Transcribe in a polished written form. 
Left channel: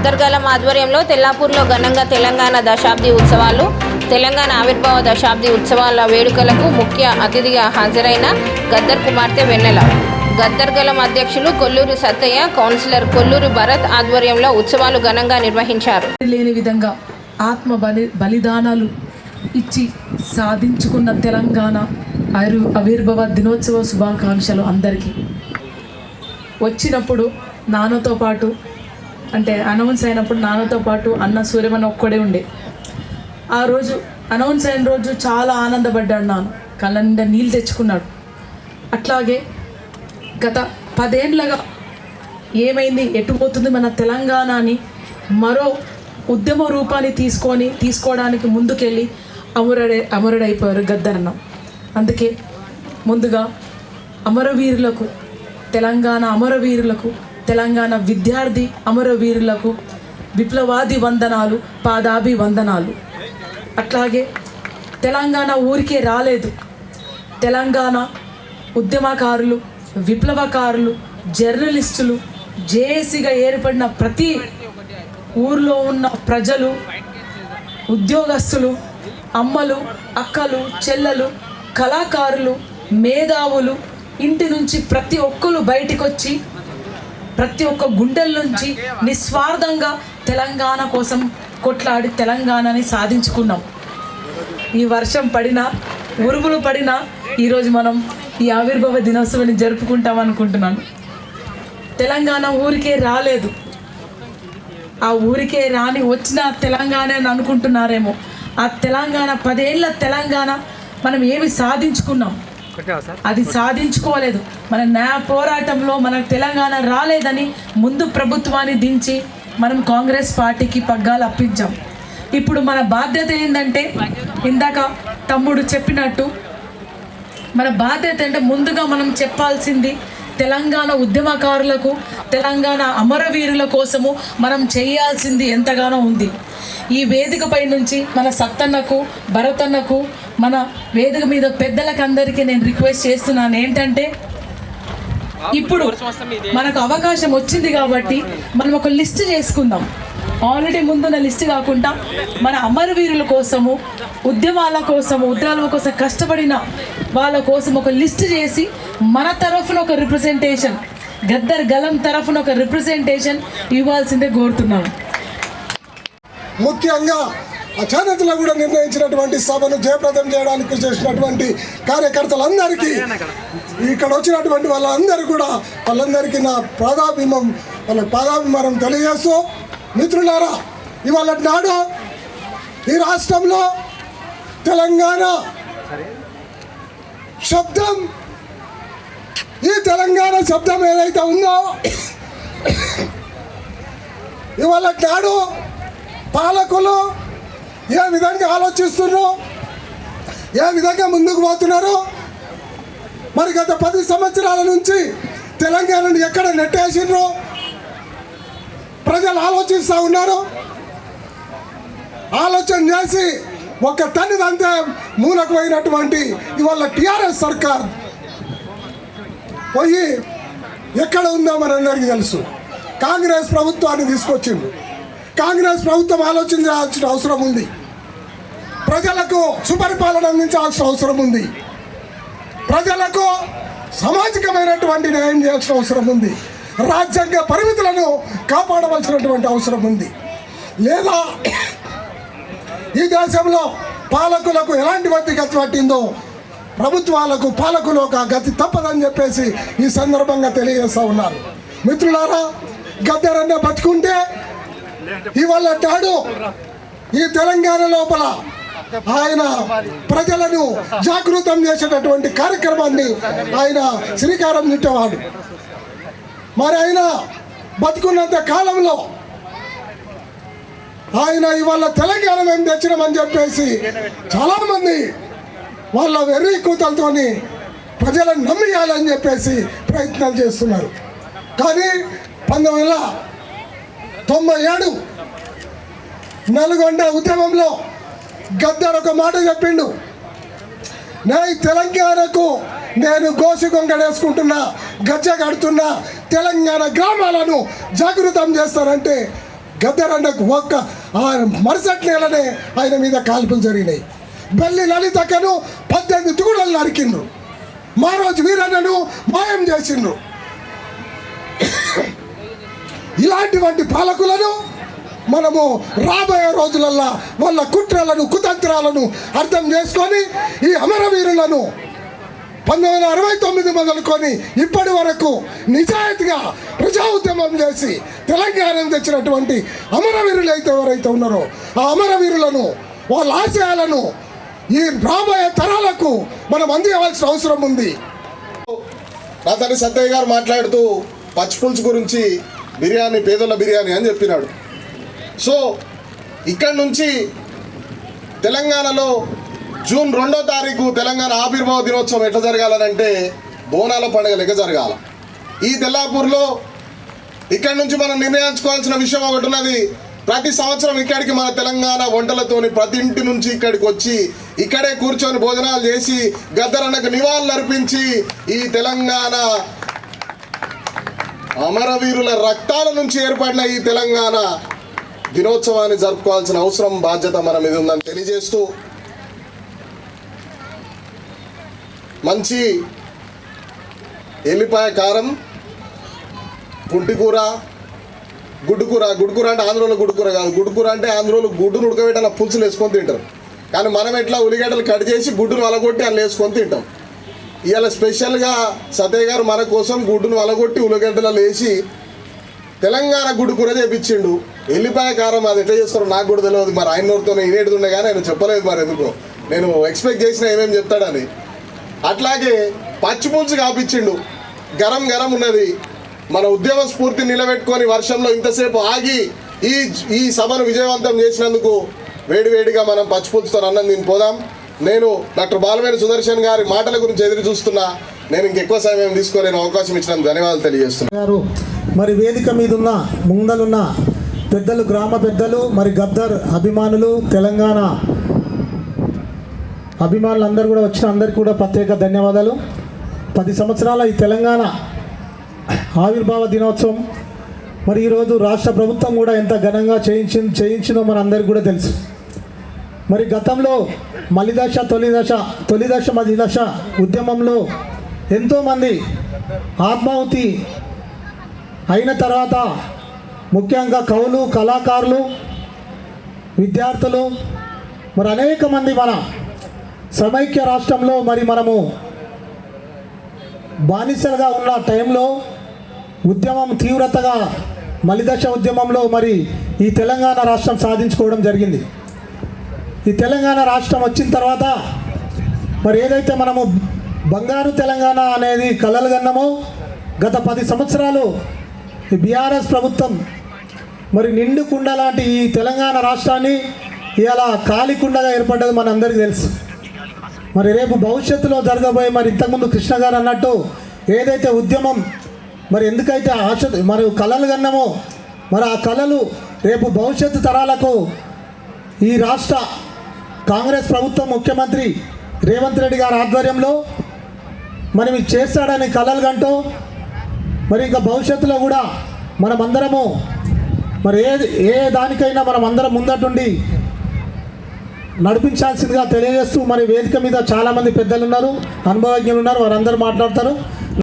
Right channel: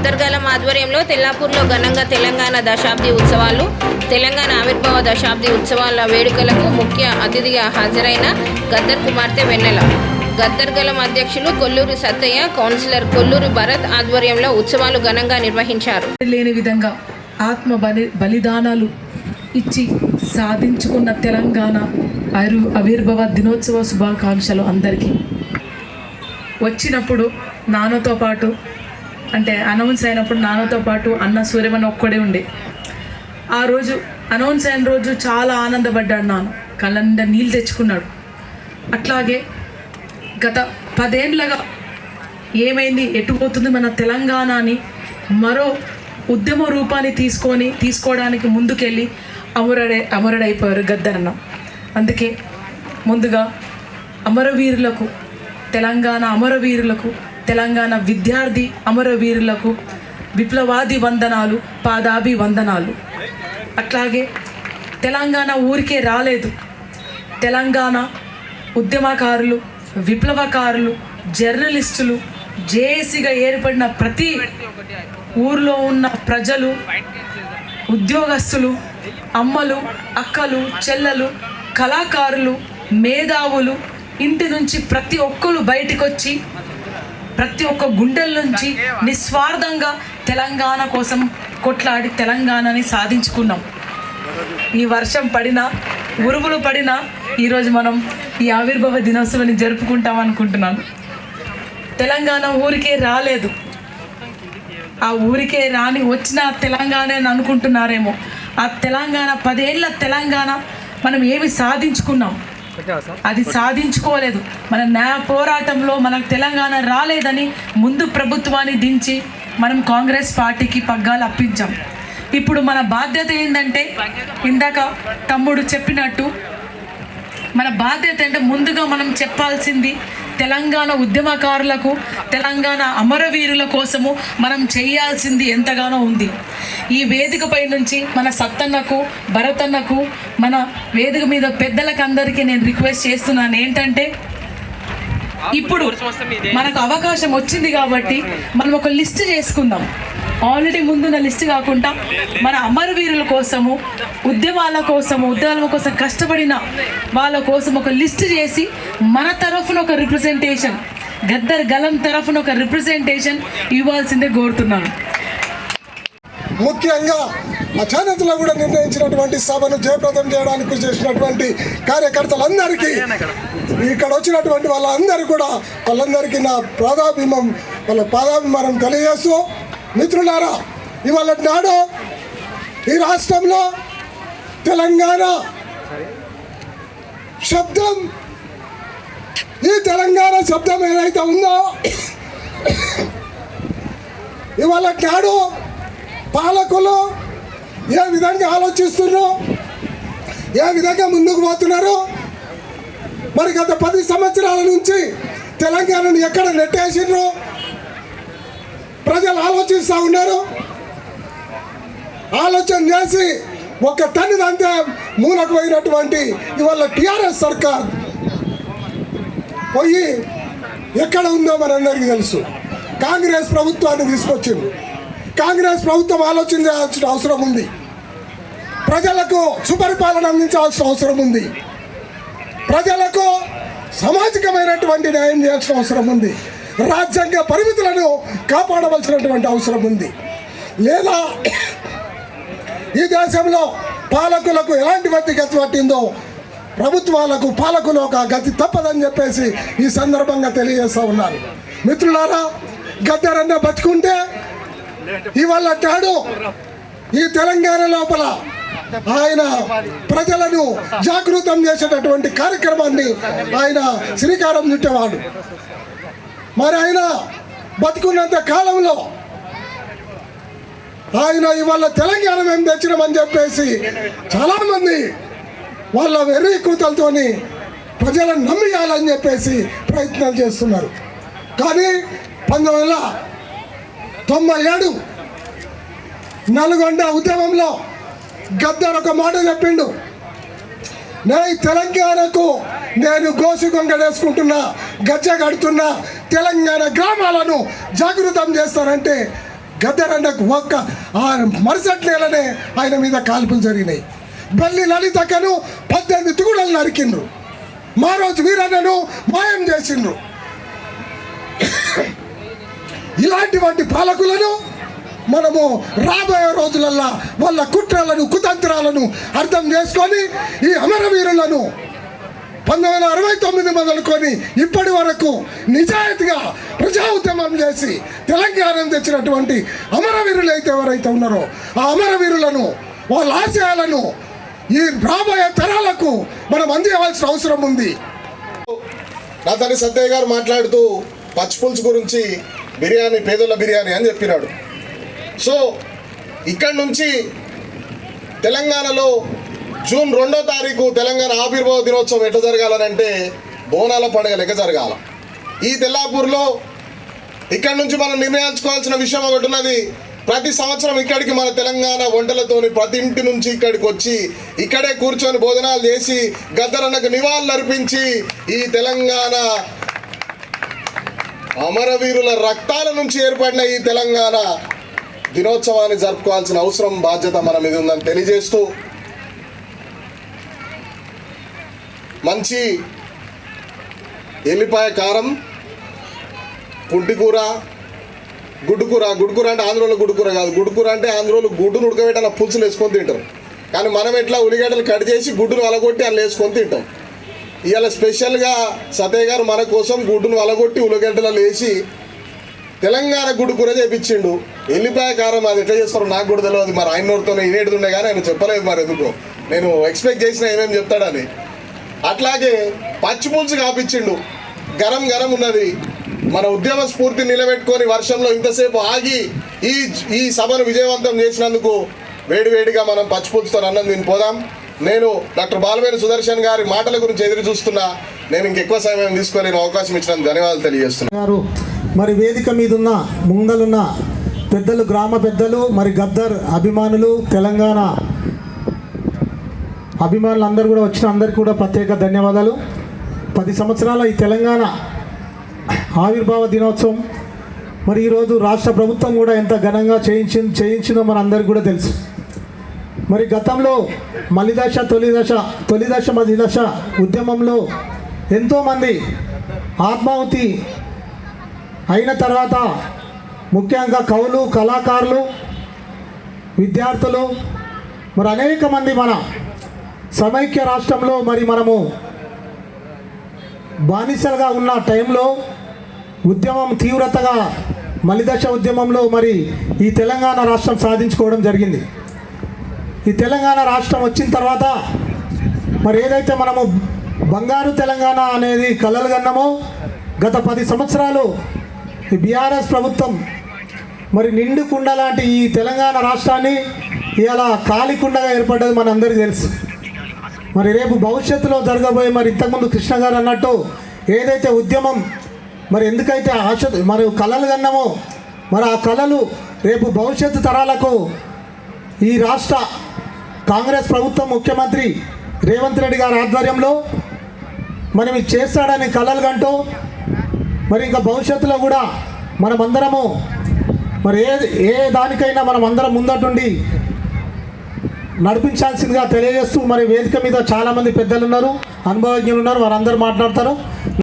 గద్దర్గలం ఆధ్వర్యంలో తెల్లాపూర్లో ఘనంగా తెలంగాణ దశాబ్ది ఉత్సవాలు, తెలంగాణ ఆవిర్భావ దశాబ్ది ఉత్సవాల వేడుకలకు ముఖ్య అతిథిగా హాజరైన గద్దర్ కుమార్తె వెన్నెల, గద్దర్గలం అధ్యక్షులు కొల్లూరు సత్తయ్య, కౌన్సిలర్ కొల్లూరు భరత్ ఆధ్వర్యంలో ఉత్సవాలు ఘనంగా నిర్వహించారు. లేని విధంగా ఆత్మ బలిదానాలు ఇచ్చి సాధించుకున్న తెలంగాణ ఆవిర్భావ దినోత్సవ శుభాకాంక్షలు అందరికీ. వచ్చినప్పుడు నాన్నతో పాటు అంటే అనౌన్స్ అయినప్పుడు నాన్నతో పాటు అన్న సూర్యమన్ ఒక్కడే ఉండే. ఆ రోజు అనౌన్స్ అయిన రోజు చాలా ఆనందపడ్డాడు. నాన్న కళ్ళ నిండా నీళ్ళు తెచ్చుకున్నాడు. అట్లాగే గత 10 ఏళ్ళగా ఏమైంది, ఎటుపోతుంది మన తెలంగాణ అని మరో ఉద్యమ రూపాన్ని తీసుకోవడానికి ముందుకెళ్ళి అమరుడైపోయారు గద్దరన్న. అందుకే ముందుగా అమరవీరులకు, తెలంగాణ అమరవీరులకు, తెలంగాణ విద్యార్థి అమరవీరులకు విప్లవాది వందనాలు, పాదాభి వందనాలు. అట్లాగే తెలంగాణ ఊరికే రాలేదు. తెలంగాణ ఉద్యమకారులు, విప్లవకారులు, జర్నలిస్టులు, జేఏసీగా ఏర్పడిన ప్రతి ఊర్లో ఉన్న ప్రజలు, ఉద్యోగస్తులు, అమ్మలు, అక్కలు, చెల్లెలు, కళాకారులు, మేధావులు, ఇంటి నుంచి ప్రతి ఒక్కరు బయటికి వచ్చి ప్రతి ఒక్క గుండెల నుంచి నిస్వార్థంగా తెలంగాణ కోసం కొట్లాడి తెలంగాణని సాధించుకున్నాం. ఈ వర్షం పడినా, ఉరుములు పడినా ఈరోజు మనం ఈ ఆవిర్భావ దినోత్సవాన్ని జరుపుకుంటాం అనుకుంటున్నాం. తెలంగాణ ఊరికే రాలేదు. ఆ ఊరికే రాని వచ్చిన తెలంగాణ అని అనుకుంటున్నారేమో. ఆ తెలంగాణ 10 ఏళ్ళ తెలంగాణ మనం ఏమి సాధించుకున్నాం, అది సాధించుకోలేదు. మన న్యాయ పోరాటంలో మనకు తెలంగాణ రాలేదని ముందు ప్రభుత్వాన్ని దించి మనం కాంగ్రెస్ పార్టీకి పగ్గాలు అప్పించాం. ఇప్పుడు మన బాధ్యత ఏంటంటే, ఇందాక తమ్ముడు చెప్పినట్టు మన బాధ్యత అంటే ముందుగా మనం చెప్పాల్సింది తెలంగాణ ఉద్యమకారులకు, తెలంగాణ అమరవీరుల కోసము మనం చేయాల్సింది ఎంతగానో ఉంది. ఈ వేదికపై నుంచి మన సత్తన్నకు, భరతన్నకు, మన వేదిక మీద పెద్దలకు అందరికీ నేను రిక్వెస్ట్ చేస్తున్నాను ఏంటంటే, ఇప్పుడు మనకు అవకాశం వచ్చింది కాబట్టి మనం ఒక లిస్ట్ చేసుకుందాం. ఆల్రెడీ ముందున్న లిస్ట్ కాకుండా మన అమరవీరుల కోసము, ఉద్యమాల కోసం కష్టపడిన వాళ్ళ కోసం ఒక లిస్ట్ చేసి మన తరఫున ఒక రిప్రజెంటేషన్, గద్దర్ గలం తరఫున ఒక రిప్రజెంటేషన్ ఇవ్వాల్సిందే కోరుతున్నాను. ముఖ్యంగా అచానతలో కూడా నిర్ణయించినటువంటి సభను జయప్రదం చేయడానికి చేసినటువంటి కార్యకర్తలందరికీ, ఇక్కడ వచ్చినటువంటి వాళ్ళందరికీ నా పాదాభిమానం తెలియజేస్తూ, మిత్రులారా, ఇవాళ నాడు ఈ రాష్ట్రంలో తెలంగాణ శబ్దం, ఈ తెలంగాణ శబ్దం ఏదైతే ఉందో, ఇవాళ నాడు పాలకులు ఏ విధంగా ఆలోచిస్తున్నారో, ఏ విధంగా ముందుకు పోతున్నారో, మరి గత 10 సంవత్సరాల నుంచి తెలంగాణను ఎక్కడ నెట్టేసిర్రో ప్రజలు ఆలోచిస్తూ ఉన్నారు. ఆలోచన చేసి ఒక తన్నిదంతే మూలకు పోయినటువంటి ఇవాళ టీఆర్ఎస్ సర్కార్ పోయి ఎక్కడ ఉందో మనందరికీ తెలుసు. కాంగ్రెస్ ప్రభుత్వాన్ని తీసుకొచ్చింది. కాంగ్రెస్ ప్రభుత్వం ఆలోచించాల్సిన అవసరం ఉంది. ప్రజలకు సుపరిపాలన అందించాల్సిన అవసరం ఉంది. ప్రజలకు సామాజికమైనటువంటి న్యాయం చేయాల్సిన అవసరం ఉంది. రాజ్యాంగ పరిమితులను కాపాడవలసినటువంటి అవసరం ఉంది. లేదా ఈ దేశంలో పాలకులకు ఎలాంటి గతి పట్టిందో ప్రభుత్వాలకు, పాలకులు ఒక గతి తప్పదని చెప్పేసి ఈ సందర్భంగా తెలియజేస్తూ ఉన్నారు. మిత్రులారా, గద్దరన్న బతుకుంటే ఇవాళ నాడు ఈ తెలంగాణ లోపల ఆయన ప్రజలను జాగృతం చేసేటటువంటి కార్యక్రమాన్ని ఆయన శ్రీకారం చుట్టేవాడు. మరి ఆయన బతుకున్నంత కాలంలో ఆయన ఇవాళ తెలంగాణ మేము తెచ్చినామని చెప్పేసి చాలామంది వాళ్ళ వెర్రి కూతలతోని ప్రజలను నమ్మియాలని చెప్పేసి ప్రయత్నాలు చేస్తున్నారు. కానీ 1997 నల్గొండ ఉద్యమంలో గద్దర్ ఒక మాట చెప్పిండు, నేను తెలంగాణకు నేను గోసి గొంగడేసుకుంటున్నా, గజ్జ కడుతున్నా, తెలంగాణ గ్రామాలను జాగృతం చేస్తానంటే గద్దరన్నకు ఒక్క మరుసటి నెలనే ఆయన మీద కాల్పులు జరిగినాయి. బెల్లి లలితకను 18 తుగుడలు నరికిండ్రు. మా రోజు వీరన్నను మాయం చేసిండ్రు. ఇలాంటివంటి పాలకులను మనము రాబోయే రోజులల్లో వాళ్ళ కుట్రలను కుతంత్రాలను అర్థం చేసుకొని ఈ అమరవీరులను 1969 మొదలుకొని ఇప్పటి వరకు నిజాయితీగా ప్రజా ఉద్యమం చేసి తెలంగాణ తెచ్చినటువంటి అమరవీరులు అయితే ఎవరైతే ఉన్నారో ఆ అమరవీరులను వాళ్ళ ఆశయాలను ఈ రాబోయే తరాలకు మనం అందించవలసిన అవసరం ఉంది. రాధాని సత్తయ్య గారు మాట్లాడుతూ పచ్చిపులుసు గురించి బిర్యానీ పేదోళ్ళ బిర్యానీ అని చెప్పినాడు. సో ఇక్కడి నుంచి తెలంగాణలో జూన్ 2వ తారీఖు తెలంగాణ ఆవిర్భావ దినోత్సవం ఎట్లా జరగాలనంటే బోనాల పండుగ లెక్క జరగాల. ఈ తెల్లాపూర్లో ఇక్కడి నుంచి మనం నిర్ణయించుకోవాల్సిన విషయం ఒకటి ఉన్నది. ప్రతి సంవత్సరం ఇక్కడికి మన తెలంగాణ వంటలతోని ప్రతి ఇంటి నుంచి ఇక్కడికి వచ్చి ఇక్కడే కూర్చొని భోజనాలు చేసి గద్దరన్నకు నివాళులు అర్పించి ఈ తెలంగాణ అమరవీరుల రక్తాల నుంచి ఏర్పడిన ఈ తెలంగాణ దినోత్సవాన్ని జరుపుకోవాల్సిన అవసరం బాధ్యత మన మీద ఉందని తెలియజేస్తూ మంచి ఎల్లిపాయ కారం, పుంటికూర, గుడ్డుకూర అంటే ఆంధ్రలో గుడ్డుకూర కాదు, గుడ్డుకూర అంటే ఆంధ్రలో గుడ్డును ఉడకబెట్టి అలా పులుసులు వేసుకొని తింటారు. కానీ మనం ఎట్లా ఉల్లిగడ్డలు కట్ చేసి గుడ్డును వలగొట్టి అలా వేసుకొని తింటాం. ఇవాళ స్పెషల్గా సతయ్య గారు మన కోసం గుడ్డును వలగొట్టి ఉల్లిగడ్డలు వేసి తెలంగాణ గుడ్డుకూర చేపించిండు. ఎల్లిపాయ కారం అది ఎట్లా చేస్తారో నాకు కూడా తెలియదు. మరి ఆయన నోటితోనే ఇనేడుతుండే కానీ ఆయన చెప్పలేదు. మరి ఎందుకు నేను ఎక్స్పెక్ట్ చేసిన ఏమేమి చెప్తాడని. అట్లాగే పచ్చిపులుసు కాపించిండు. గరం గరం ఉన్నది. మన ఉద్యమ స్ఫూర్తి నిలబెట్టుకొని వర్షంలో ఇంతసేపు ఆగి ఈ సభను విజయవంతం చేసినందుకు వేడివేడిగా మనం పచ్చిపులుసుతో అన్నం తిని పోదాం. నేను డాక్టర్ బాలవేణి సుదర్శన్ గారి మాటల గురించి ఎదురు చూస్తున్నా. నేను ఇంకెక్కువ సమయం తీసుకోలేని అవకాశం ఇచ్చినందుకు ధన్యవాదాలు తెలియజేస్తున్నాను. మరి వేదిక మీద ఉన్న ముందలున్న పెద్దలు, గ్రామ పెద్దలు, మరి గద్దర్ అభిమానులు, తెలంగాణ అభిమానులు అందరూ కూడా వచ్చిన అందరికీ కూడా ప్రత్యేక ధన్యవాదాలు. 10 సంవత్సరాల ఈ తెలంగాణ ఆవిర్భావ దినోత్సవం మరి ఈరోజు రాష్ట్ర ప్రభుత్వం కూడా ఎంత ఘనంగా చేయించిందో మన అందరికీ కూడా తెలుసు. మరి గతంలో మలిదశ తొలిదశ మలిదశ ఉద్యమంలో ఎంతోమంది ఆత్మాహుతి అయిన తర్వాత ముఖ్యంగా కవులు, కళాకారులు, విద్యార్థులు, మరి అనేక మంది మన సమైక్య రాష్ట్రంలో మరి మనము బానిసలుగా ఉన్న టైంలో ఉద్యమం తీవ్రతగా మలిదశ ఉద్యమంలో మరి ఈ తెలంగాణ రాష్ట్రం సాధించుకోవడం జరిగింది. ఈ తెలంగాణ రాష్ట్రం వచ్చిన తర్వాత మరి ఏదైతే మనము బంగారు తెలంగాణ అనేది కలలు కన్నామో గత 10 సంవత్సరాలు ఈ బీఆర్ఎస్ ప్రభుత్వం మరి నిండు కుండ లాంటి ఈ తెలంగాణ రాష్ట్రాన్ని ఇలా ఖాళీ కుండగా ఏర్పడ్డది మన అందరికీ తెలుసు. మరి రేపు భవిష్యత్తులో జరగబోయే మరి ఇంతకుముందు కృష్ణ గారు అన్నట్టు ఏదైతే ఉద్యమం మరి ఎందుకైతే ఆశ మరి కళలు కన్నామో మరి ఆ కళలు రేపు భవిష్యత్తు తరాలకు ఈ రాష్ట్ర కాంగ్రెస్ ప్రభుత్వం ముఖ్యమంత్రి రేవంత్ రెడ్డి గారి ఆధ్వర్యంలో మనం ఇది చేస్తాడని కళలు కంటూ మరి ఇంకా భవిష్యత్తులో కూడా మనమందరము మరి ఏ దానికైనా మనం అందరం ముందటుండి నడిపించాల్సిందిగా తెలియజేస్తూ మరి వేదిక మీద చాలామంది పెద్దలు ఉన్నారు, అనుభవజ్ఞులు ఉన్నారు, వారందరూ మాట్లాడతారు.